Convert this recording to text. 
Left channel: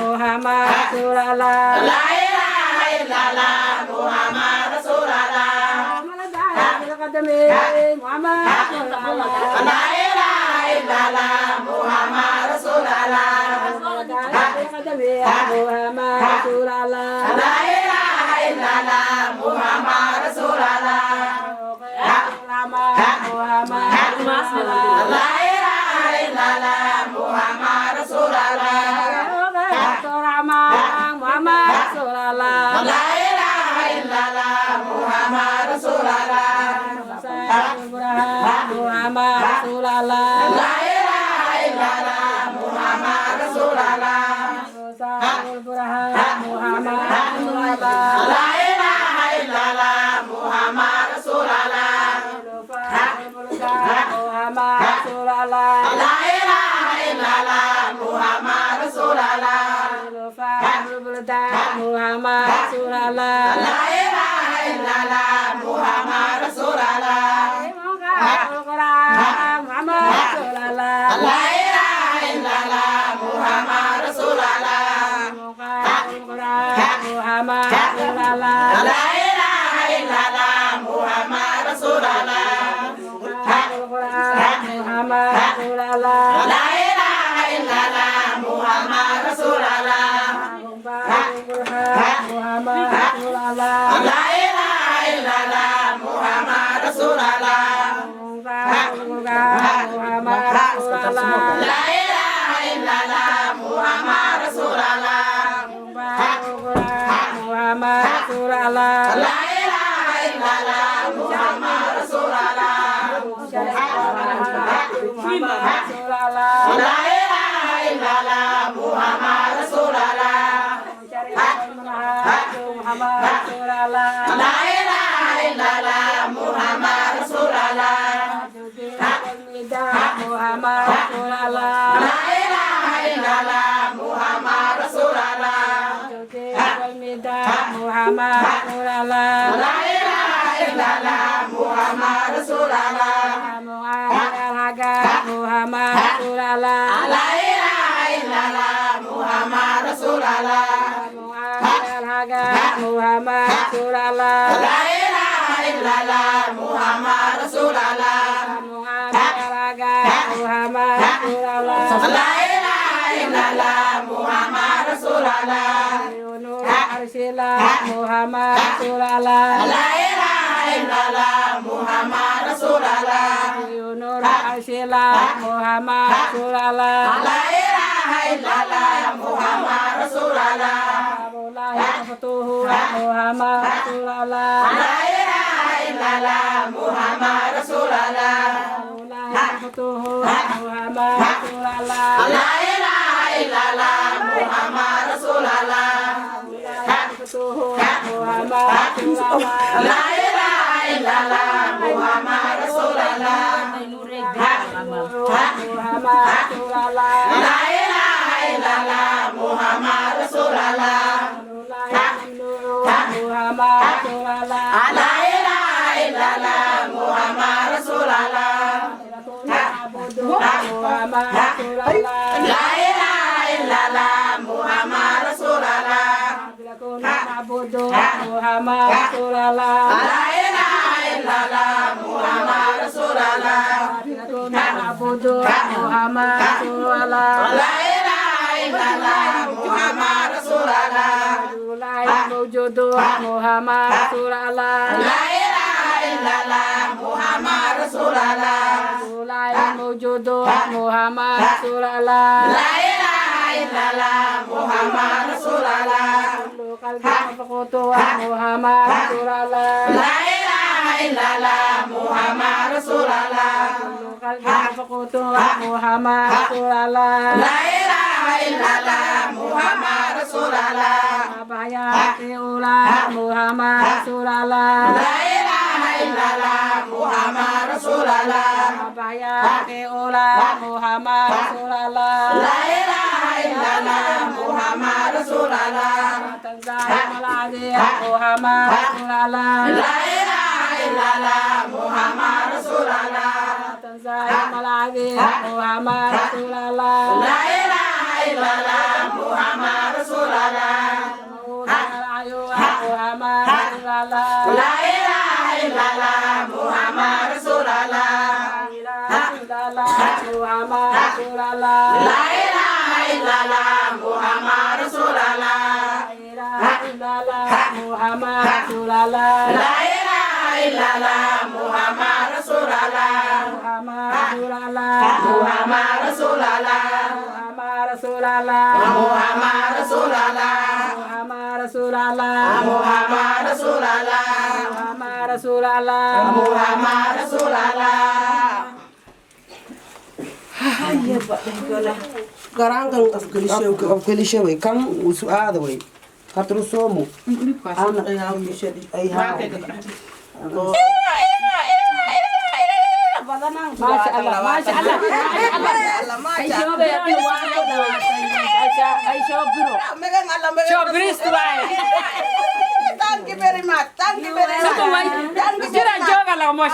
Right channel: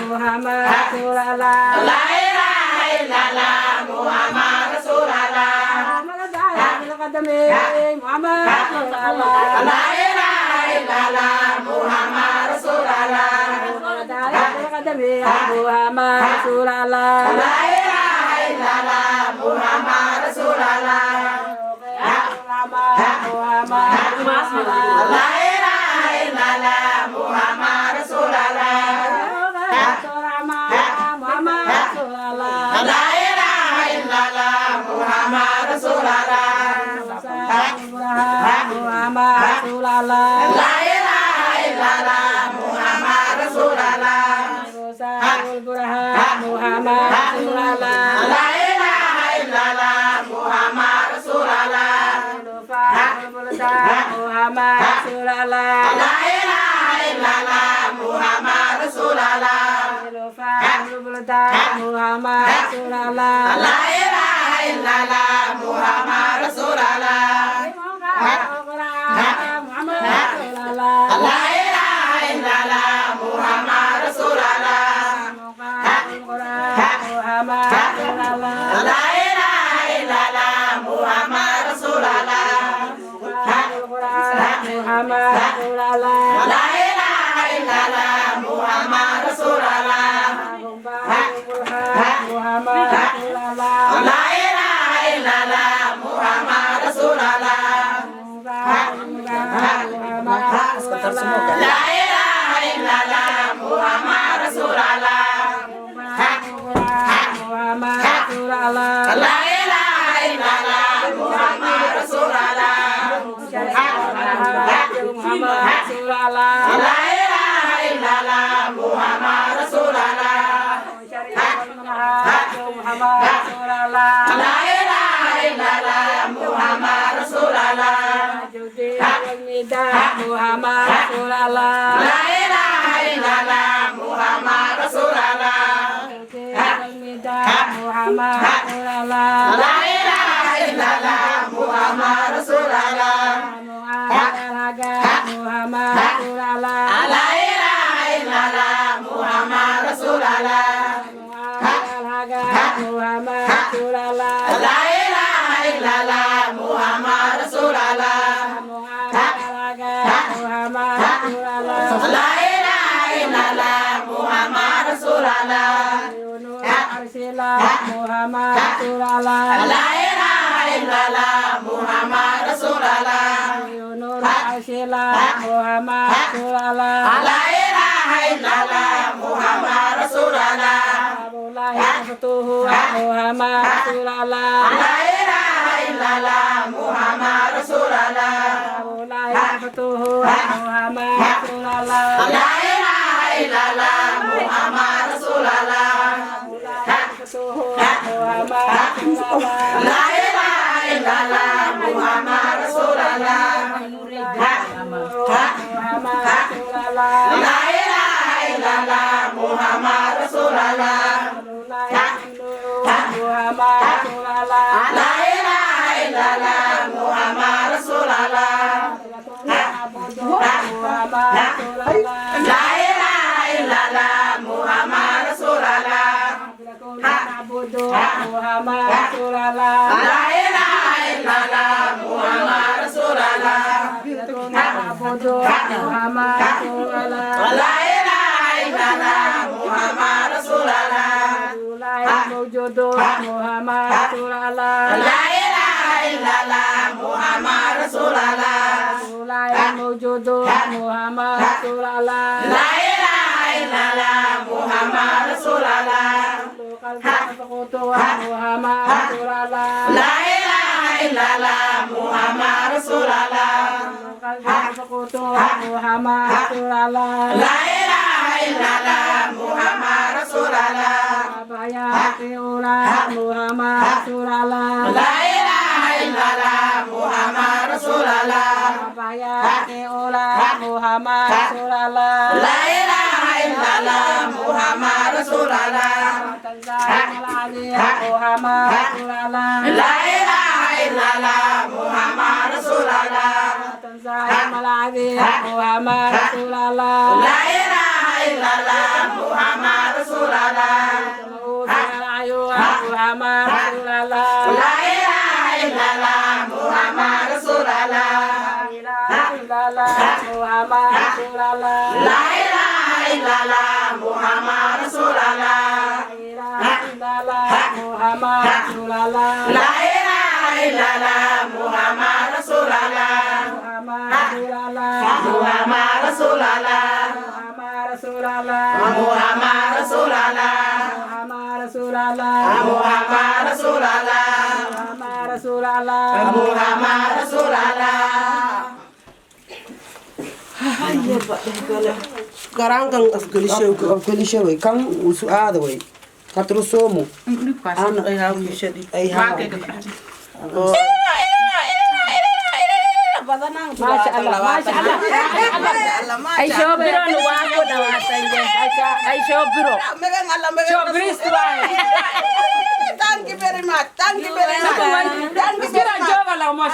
Muhammad Rasulullah. La ilaha illallah Muhammad Rasulullah. Muhammad Rasulullah. La ilaha illallah Muhammad Rasulullah. Muhammad Rasulullah. La ilaha illallah Muhammad Rasulullah. Muhammad Rasulullah. La ilaha illallah Muhammad Rasulullah. Muhammad Rasulullah. La ilaha illallah Muhammad Rasulullah. Muhammad Rasulullah. La ilaha illallah Muhammad Rasulullah. Muhammad Rasulullah. La ilaha illallah Muhammad Rasulullah. Muhammad Rasulullah. La ilaha illallah Muhammad Rasulullah. Muhammad Rasulullah. La ilaha illallah Muhammad Rasulullah. Muhammad Rasulullah. La ilaha illallah Muhammad Rasulullah. Muhammad Rasulullah. La ilaha illallah Muhammad Rasulullah. Muhammad Rasulullah. La ilaha illallah Muhammad Rasulullah. Muhammad Rasulullah. La ilaha illallah Muhammad Rasulullah. Muhammad Rasulullah. La ilaha illallah Muhammad Rasulullah. Muhammad Rasulullah. La ilaha illallah Muhammad Rasulullah. Muhammad Rasulullah. La ilaha illallah Muhammad Rasulullah. Muhammad Rasulullah. La ilaha illallah Muhammad Rasulullah. Muhammad Rasulullah. La ilaha illallah Muhammad Rasulullah. Muhammad Rasulullah. La ilaha illallah Muhammad Rasulullah. Muhammad Rasulullah. La ilaha illallah Muhammad Rasulullah. Muhammad Rasulullah. La ilaha illallah Muhammad Rasulullah. Muhammad Rasulullah. La ilaha illallah Muhammad Rasulullah. Muhammad Rasulullah. La ilaha illallah Muhammad Rasulullah. Muhammad Rasulullah. La ilaha illallah Muhammad Rasulullah. Muhammad Rasulullah. La ilaha illallah Muhammad Rasulullah. Muhammad Rasulullah. La ilaha illallah Muhammad Rasulullah. Muhammad Rasulullah. La ilaha illallah Muhammad Rasulullah. Muhammad Rasulullah. La ilaha illallah Muhammad Rasulullah. Muhammad Rasulullah. La ilaha illallah Muhammad Rasulullah. Muhammad Rasulullah. La ilaha illallah Muhammad Rasulullah. Muhammad Rasulullah. La ilaha illallah Muhammad Rasulullah. Muhammad Rasulullah. La ilaha illallah Muhammad Rasulullah. Muhammad Rasulullah. La ilaha illallah Muhammad Rasulullah. Muhammad Rasulullah. La ilaha illallah Muhammad Rasulullah. Muhammad Rasulullah. La ilaha illallah Muhammad Rasulullah. Muhammad Rasulullah. La ilaha illallah Muhammad Rasulullah. Muhammad Rasulullah. La ilaha illallah Muhammad Rasulullah. Muhammad Rasulullah. La ilaha illallah Muhammad Rasulullah. Muhammad Rasulullah. La ilaha illallah Muhammad Rasulullah. Saya malagi Muhammad Rasulullah. La ilaha illallah Muhammad Rasulullah. Muhammad Rasulullah. La ilaha illallah Muhammad Rasulullah. Muhammad Rasulullah. La ilaha illallah Muhammad Rasulullah. Muhammad Rasulullah. La ilaha illallah Muhammad Rasulullah. Muhammad Rasulullah. Muhammad Rasulullah. Muhammad Rasulullah. Muhammad Rasulullah. Muhammad Rasulullah. Muhammad Rasulullah. Muhammad Rasulullah. Hayya ba garangan afgalisha way kan usu aada way katru somo ana ay ha shadi ay ha Masya Allah, Masya Allah, ay shobiro ni wako daw ay shobiro. Megang Allah, megang Thank you very much. Thank you very much. Thank you very much.